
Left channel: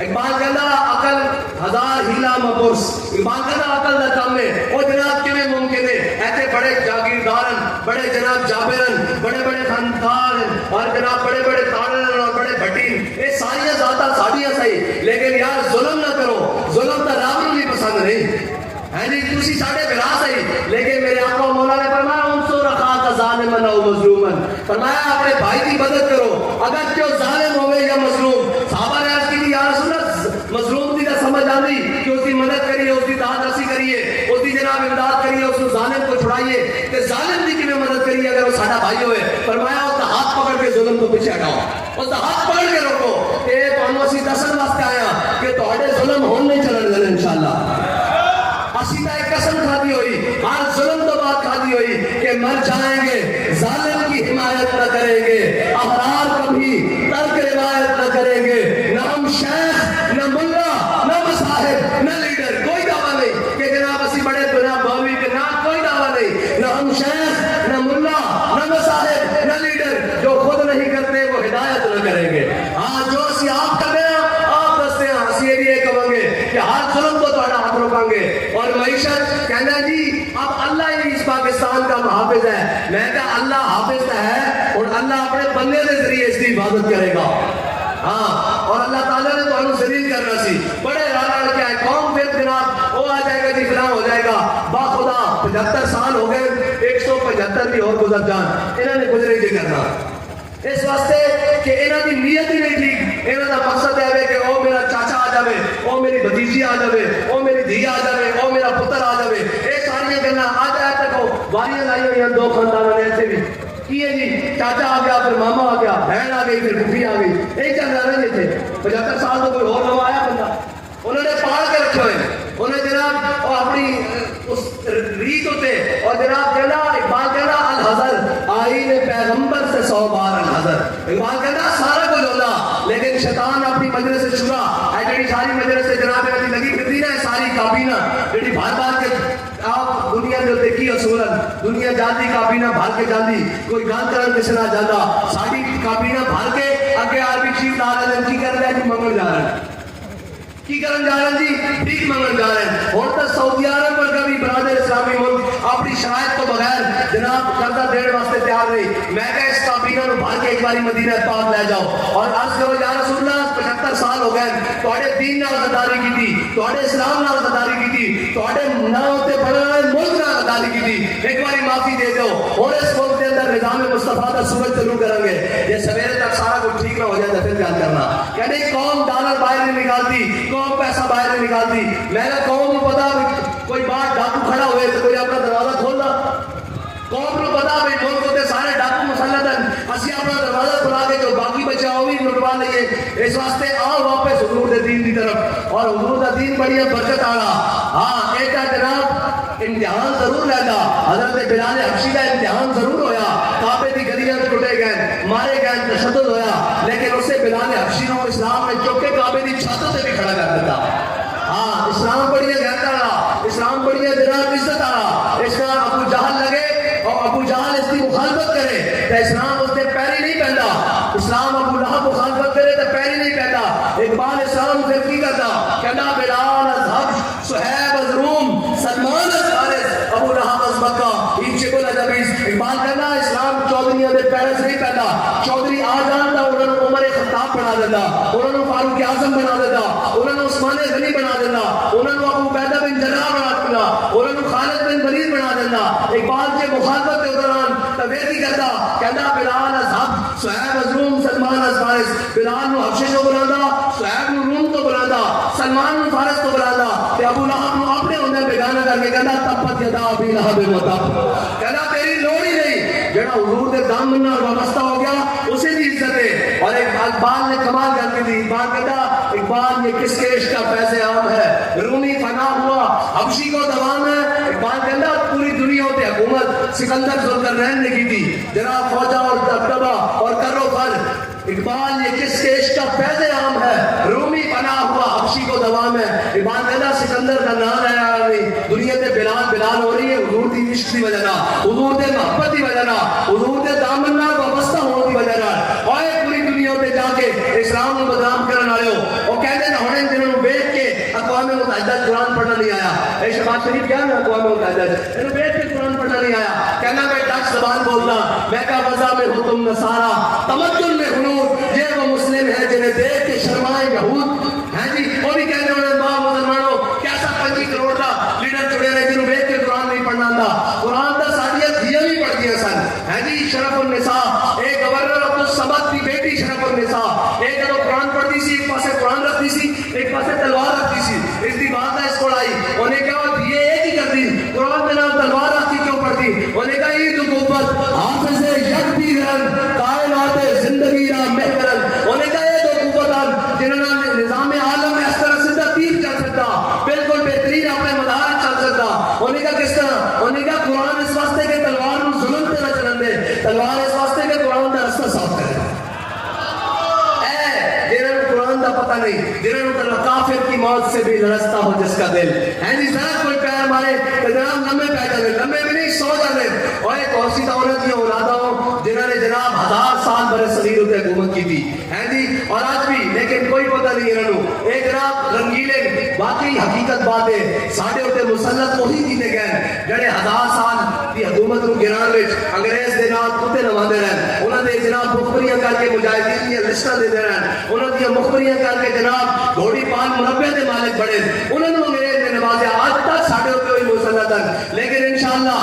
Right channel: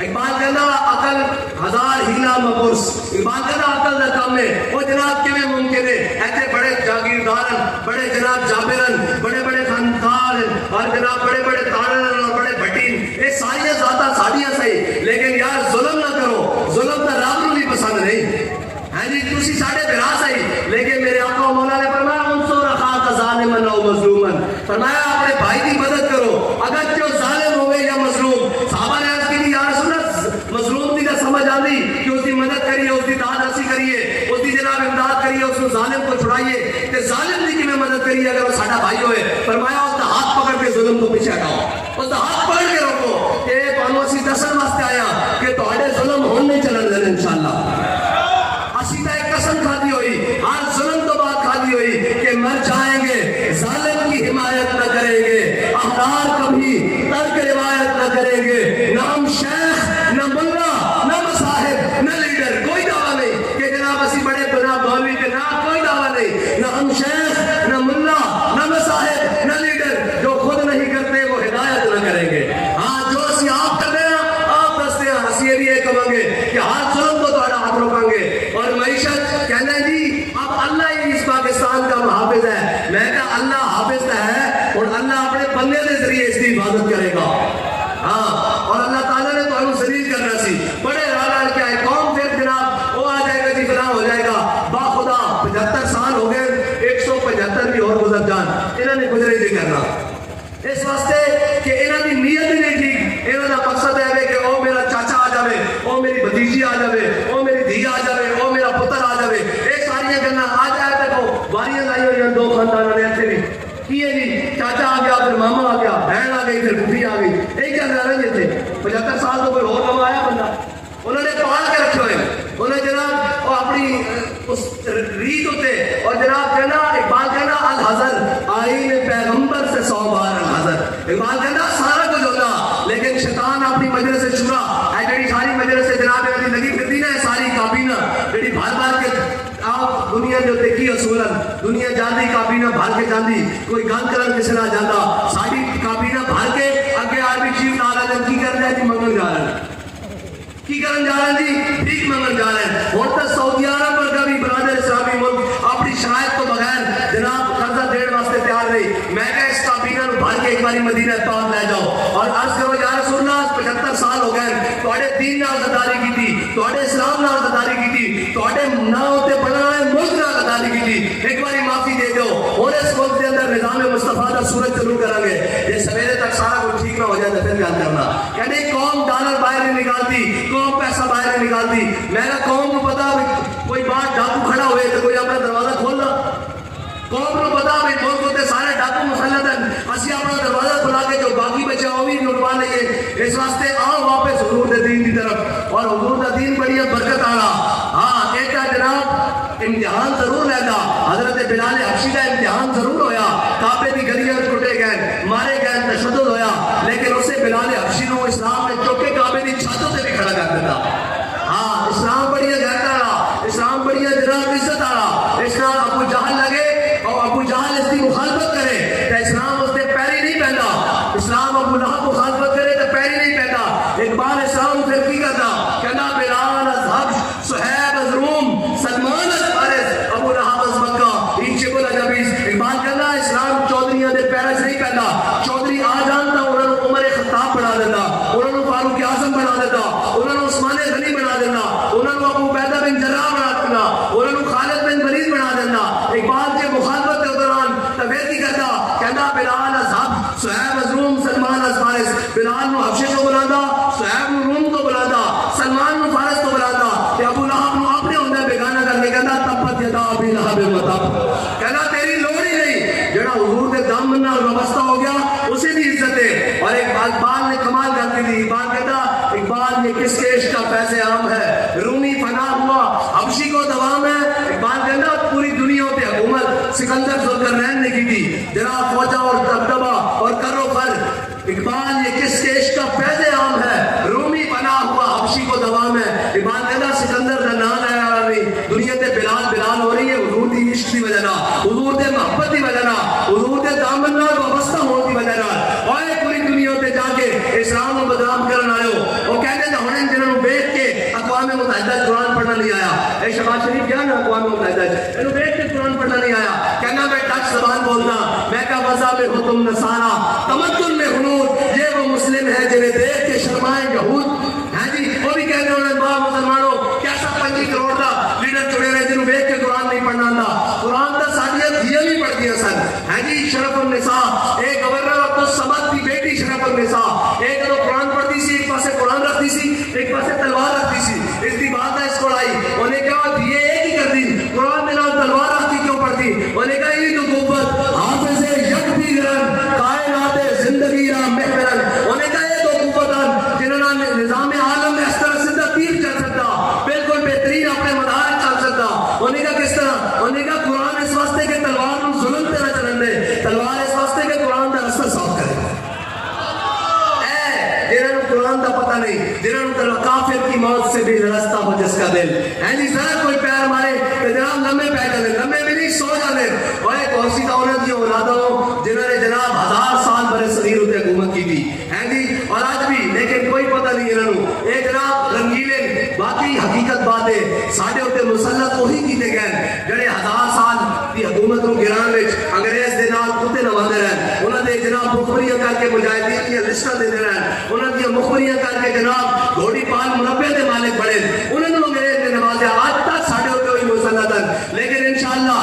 اقبال کہنا عقل ہزار ہیلا مپرس, اقبال کہنا عقل دا کم ہے وہ جناب کیویں ممکن ہے. ایسے بڑے جاگیردارن, بڑے جناب جابرن, بڑے بڑے خاندار اور جناب بڑے بڑے تارن اور بڑے بھٹین, یہ ساری ذاتاں ساڈیاں صحیح, لیکن یار ظلم نہ کرو, ظلم تو رب نوں بھی پسند نہیں ہے جی. تسی ساڈے بھرا صحیح, لیکن میرے آقا و مولا نے فرمایا انصر اخاک ظالما او مظلوما, فرمایا اپنے بھائی کی مدد کرو اگر جو ظالم ہوئے یا مظلوم. صحابہ نے عرض کی یا رسول اللہ مظلوم کی نہ سمجھ آتی کہ اس کی مدد کریے, اس کی داد رسی کریے, اس کی جناب امداد کریے, اس کو ظالم کو چھڑائیے کہ ظالم کی میں مدد کریے اگر وہ ساڈا بھائی ہوئے. فرمایا اس کا ہاتھ پکڑ کے ظلم کو پیچھے ہٹاؤ, اس کا ہاتھ پکڑ کے روکو. کہ تانوں اسی دسن واسطے آیا کہ تہاڈے ظلم ہون نہیں چلن دینے انشاءاللہ. اسی طرح ایک قسم کھادی ہوئی, ہر ظلم تو بات کھادی ہوئی کہ مر جائیں گے, ظالم کی حمایت نہ کریں گے, احرار کبھی ترک روایت نہ کریں گے. نہ ہم شیخ, نہ ملا, نہ مصاحب, نہ لیڈر, کوئی دعویٰ نہیں کہ جناب اسی بڑے جناب مولوی کے نام, کوئی دعویٰ نہیں. نہ ہم شیخ, نہ ملا, نہ مصاحب, نہ لیڈر. جو خود نہیں کرتے وہ ہدایت نہ کریں گے. ہاں جو اسی آپ کر رہے ہیں آپ دستے ہیں, ہنسی بھی یہ کہیں گے کہ ہر ظلم کو تھوڑا ہاتھ روکیں گے. اور معیشت کہنا جی اب اللہ ہی اس پاکستان کا محافظ ہے. میں کہا اللہ حافظ ہے اور اللہ اپنے بندے کے ذریعے اس کی حفاظت کرے گا. ہاں اور اللہ تعالیٰ نے تو ہمیں ذلیل کرنا سی, بڑے رال کے آئے قوم, پھر جناب وہ آ جائے گا جی فلاں ہو جائے گا. با خدا 75 سال ہو گئے, 175 بھی اور گزر جان, انہوں نے گزرے نہیں کرنا اس واسطے کہ انہوں کی نیت ہی نہیں تھی. انہوں کا مقصد ہے کہ او میرا چاچا آ جائے, او میری بھتیجی آ جائے, او میری دھی آ جائے, او میرا پتر آ جائے. یہ ساری گلاں آج آئے تک باریاں لائی ہوئی ہیں دو خاندانوں نے اتنے بھی کی ہے جی, چاچا آ گیا, پھر ماما آ گیا, بہن آ گئی, پھر بھٹی آ گئی. یہی چل رہا ہے اتنے 75 سال تو کوئی اور نہ آیا بندہ. انہوں نے پال کے رکھے ہوئے, انہوں نے جناب وہ اپنی اس ریت ہوتے. اور جناب کہنا اقبال کہنا الحضر آئی میں پیغمبر سے 100 بار الحضر. اقبال کہنا سارا کچھ ہوتا لیکن شیطان اپنی مجلس شورا ہے جڑی ساری مجلس سے جناب ابھی لگی پھرتی نا, ساری کابینہ جڑی بھر بھر کے آپ دنیا کے اتنے کی اصولن دنیا جاندی کابینہ بھر کے جاندی, کوئی گل کرن کسی نہ جانا, ساری کابینہ بھر کے اگے آرمی چیف لا رہے ہیں, کی کر رہے ہیں جی منگل جا رہے ہیں, کی کرن جا رہے ہیں جی بھیک منگل جا رہے ہیں. اور تو سعودی عرب پر کبھی برادر اسلامی ملک اپنی شرائط کو بغیر جناب قرضہ دینے واسطے تیار نہیں. میں کہا اس کابینہ نو بھر کے ایک باری مدینہ پاک لے جاؤ اور عرض کرو یا رسول اللہ 75 سال ہو گئے تواڈے دین نال غداری کیتی, تواڈے اسلام نال غداری کیتی, تواڈے نام تے بڑھن والے ملک نال غداری کیتی, ایک باری معافی دے دو. اور اس ملک کے اندر نظام مصطفیٰ کا سورج چلو کریں گے, یہ سویرے تک سارا کچھ ٹھیک نہ ہو جائے تو پھر گل کرنا. کہنے قوم ڈالر باہر نہیں نکالتی, قوم پیسہ باہر نہیں نکالتی. میں نے قوم کو پتا کوئی باہر ڈاکو کھڑا ہوئے تو کوئی اپنا دروازہ کھول دا. قوم کو پتا بھائی ملک ہوتے سارے ڈاکو مسلط ہیں, اسی اپنا دروازہ کھلا کے جو باقی بچے وہ بھی لٹوا لئیے. اس واسطے آؤ واپس حضور دے دین کی طرف, اور حضور دا دین بڑی برکت آنا. ہاں ایک جناب امتحان ضرور رہتا, حضرت بلال حبشی کا امتحان ضرور ہویا, کعبے کی گلیاں ٹوٹے گئے, مارے گئے, تشدد ہویا, لیکن اسے بلال حبشی کو اسلام نے چوک کے کعبے کی چھتوں سے بھی کھڑا کر دیتا. ہاں اسلام بڑی غیرت والا, اسلام بڑی جناب عزت والا. اسلام ابو جہل لگے اور ابو جہل اس کی مخالفت کرے تو اسلام اس نے پیری نہیں پہنتا, اسلام ابو لہب مخالفت کرے تو پیری نہیں پہنتا. اقبال اسلام پھر کی کرتا, کہنا بلال از حبش, صہیب از روم, سلمان از فارس, ابو لہب از مکہ, ایچے کو لجبیز. اقبال کرنا اسلام چودھریاں دے پیرس نہیں پہنتا, چودھری آ جانتا انہوں نے عمر خطاب بنا دیتا, انہوں نے فاروق اعظم بنا دیتا, بلال نو حبشے تو بلانا، صہیب نو روم تو بلانا، سلمان نو فارس تو بلانا، کہ ابو لہب نو اپنے ہوندے بیگانہ کر کے کہنا تبت یدا ابی لہب و تب، کہنا تیری لوڑ ہی نہیں، جڑا حضور دے دامن نال وابستہ ہو گیا اسے دی عزت ہے۔ اور اقبال نے کمال کر کے دی، اقبال کہتا اقبال یہ کس کے عشق کا فیض عام ہے، رومی فنا ہوا حبشی کو دوام ہے۔ اقبال کہتا پوری دنیا ہوتے حکومت سکندر ذوالقرنین نے کی تھی، جناب فوجہ اور دبدبہ اور کرو فر، اقبال یہ کس کے عشق کا فیض عام ہے، رومی فنا ہوا حبشی کو دوام ہے۔ اقبال کہتا سکندر کا نام ہے دنیا تے بلال بلال ہو رہی ہے حضور دی عشق دی وجہ نہ، حضور دے محبت دی وجہ نہ، حضور دے دامن نال وابستہ ہونے دی وجہ نہ۔ اور پوری دنیا تے جا کے اسلام کو بدنام کرنے والے ہو، وہ کہتے ہیں ہونے جنہوں نے دیکھ کے اقوام متحدہ قرآن پڑھنا نہیں آیا، اے شہباز شریف کیا نا اقوام متحدہ انہوں دیکھ کے قرآن پڑھنا نہیں آیا، کہنا میں ڈچ زبان بولتا، میں کہا وضع میں ہو تم نصارا، تمدن میں ہنود، یہ وہ مسلم ہے جنہیں دیکھ کے شرمائیں یہود۔ ہاں جی وہ بھی کہنے والے مسلمانوں کیسا 25 کروڑ کا لیڈر چڑے رہے جنہوں دیکھ کے قرآن نہیں پڑھنا آتا، قرآن کا ساڈیاں دھیاں بھی پڑھ گیا سن۔ ہاں جی شرف النساء، ایک گورنر عبد الصمد کی بیٹی شرف النساء، ایک جب قرآن پڑھتی سی ایک پاسے قرآن رکھتی سی ایک پاسے تلوار رکھتی سی، اس کی بات ہے اس کو لائی، انہیں کہا دیے ایک ہی کرتی قرآن کے نام تلوار رکھ کے کیوں پڑھتی، انہیں کہا عید قوت حافظ یک دیگرن کائنات زندگی را محورن، انہیں کہا یہ دو قوتان جنہوں نے نظام عالم میں اس طرح سیدھا تیر چل سکتا، بالکل بہترین اپنے مدارج چل سکتا، انہیں کہا کس طرح، انہیں کہا قرآن اس واسطے کہ تلوار نو ظلم پہ نہ چلن دے، تلوار اس واسطے کہ قرآن کا رستہ صاف کرے۔ جنہوں قرآن کا پتہ نہیں، جنہوں کافر کی موت سے بھی لرزتا ہو جس کا دل، ہیں جی ذرا کوئی پیر مارے کہ جناب لمبے پہ جانے، لمبے بھی نہیں سو جانے، اور ایک اور سی عورت کی اولادہ ہو جنہوں نے جناب 1000 سال برے صغیر ہوتے حکومت کی تھی، ہیں جی اور آج بھی، لیکن کوئی پتہ نہیں انہوں اے جناب رنگیلے باقی حقیقت بات ہے ساڑھے ہوتے مسلط وہی کیتے گئے جڑے 1000 سال کی حکومت کو گران وچ انگریز دے نال کتے نواندے رہن، انہوں نے جناب مخبریاں کر کے مجاہدین کی لسٹاں دے رہن، انہوں نے مخبریاں کر کے جناب گھوڑی پال مربع دے مالک بڑے، انہوں نے انگریز نے نوازے، آج تک ساڑھے ہوتے ہوئی مسلطن، لیکن انشاءاللہ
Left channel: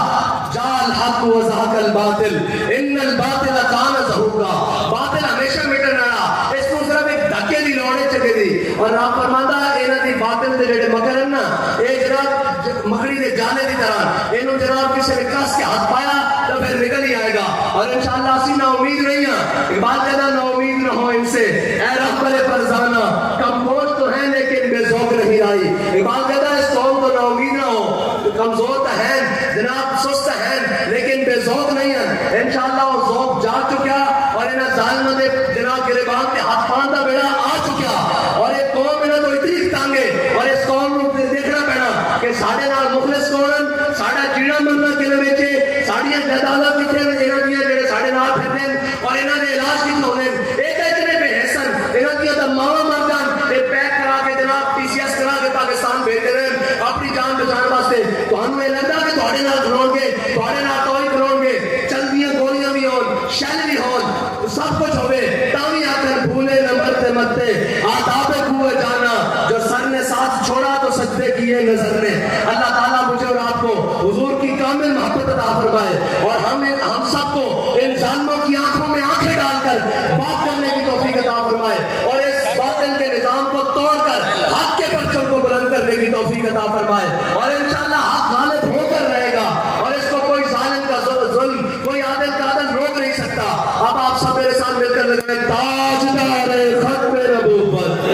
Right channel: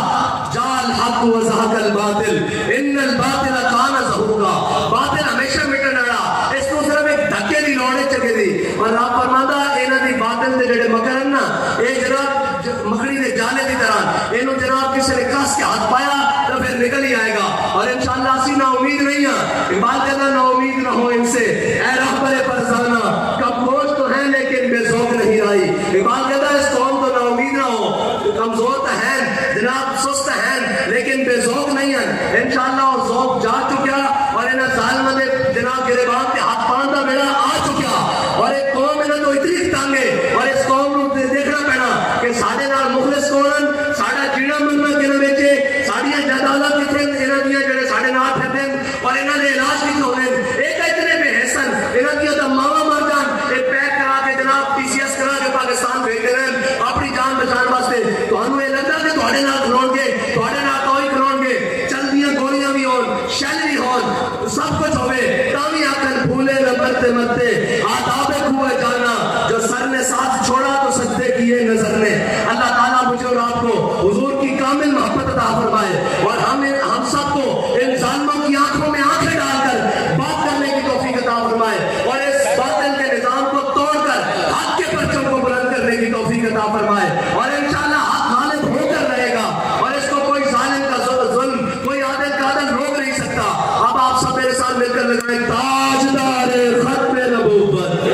جال حق و زہق الباطل ان الباطل کان زہوقا، باطل ہمیشہ مٹن والا، اس کو صرف ایک دھکے دی لوڑ چکے دی، اور رب فرماندا انہاں دی باطل دے جڑے مکر ہیں نا اے جناب مکڑی دے جالے دی طرح، اینو جناب کسی نے کس کے ہاتھ پایا تو پھر نکل ہی آئے گا، اور انشاءاللہ اسی نا امید نہیں ہیں، اقبال کہنا نا امید نہ ہو ان سے اے رہبر فرزانہ، کم گوشت تو ہے لیکن بے ذوق نہیں رائی، اقبال کہتا اس قوم تو نا امید نہ ہو، کمزور تو ہے جناب سست ہے لیکن بے ذوق نہیں ہے، انشاءاللہ وہ ذوق جا چکا اور انہاں ظالموں دے جناب گریبان کے ہاتھ پان دا بیڑا آ چکا، اور ایک قوم انہاں تو اتنی تنگ ہے، اور اس قوم نو دیکھنا پینا کہ ساڈے نال مخلص کون ساڈا جیڑا مرنا کنے وچ ساڈیاں جائیداداں کتھے انہاں دیاں جڑے ساڈے نال پھردے اور انہاں دے علاج کتھے ہوندے، ایک اتنے بے حسن انہاں دیاں تے ماواں مر جان تے پیک کرا کے جناب پی سی ایس کرا کے پاکستان بھیجتے رہن اپنی جان بچان واسطے، تانوں یہ لگدا کہ تواڈے نال کھلون گے، تواڈے نال توئی کھلون گے، چلدیاں گولیاں بھی ہون شیل بھی ہون سب کچھ ہوے تاں وی آکھن بھولے نہ مرتے مرتے آداب کوئے جانا، جو سر نے ساتھ چھوڑا تو سجدے کیے نظر نے۔ اللہ تعالیٰ مجھے اور آپ کو حضور کی کامل محبت عطا فرمائے، اور ہم سب کو ان ظالموں کی آنکھوں میں آنکھیں ڈال کر بات کرنے کی توفیق عطا فرمائے، اور اس باطل کے نظام کو توڑ کر حق کے پرچم کو بلند کرنے کی توفیق عطا فرمائے، اور انشاءاللہ حق غالب ہو کر رہے گا، اور اس کو کوئی ظالم کا ظلم کوئی عادل کا عدل روک نہیں سکتا۔ اب آپ سب میرے ساتھ مل کر لگائیں تاجدار ختم نبوت۔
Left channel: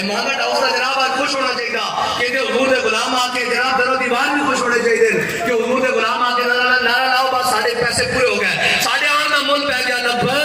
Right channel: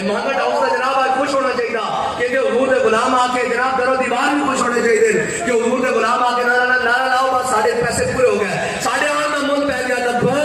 محمد ہاؤس کا جناب آج خوش ہونا چاہیے کہ حضور کے غلام آ کے جناب در و دیوار بھی خوش ہونے چاہیے کہ حضور کے غلام آ کے نعرہ لاؤ بس ساڑھے پیسے پورے ہو گئے، ساڑھے آن کا مل پہ گیا لبیک۔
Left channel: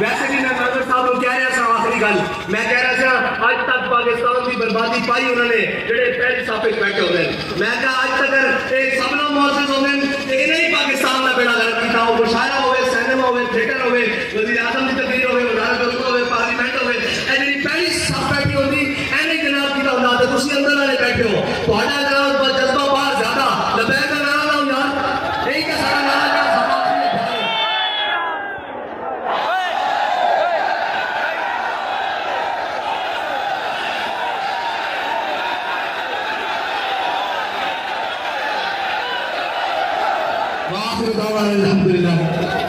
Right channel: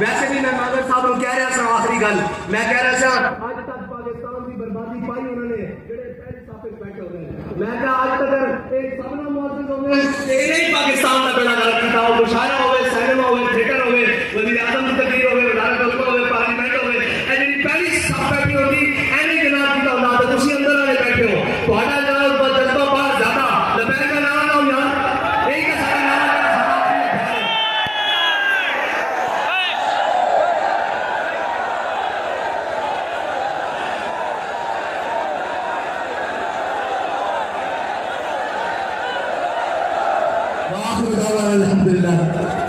ویسے بھی میں مانگل صاحب کو کہہ رہا سا آخری گل میں کہہ رہا سا آج تک پاکستان کی بربادی پائی انہوں نے جڑے پہلی صافے بیٹھے ہوتے ہیں، میں کہا آج تک ایک سبنا معزز ہوتے ہیں یہ نہیں پاکستان کا بیڑا غرق کیتا، وہ مشاعرہ ہوئے، سینما ہوئے، تھیٹر ہوئے، وزیر اعظم کی تقریر ہوئے، وزارت دفاع ہوئے، پارلیمنٹ ہوئے، ہے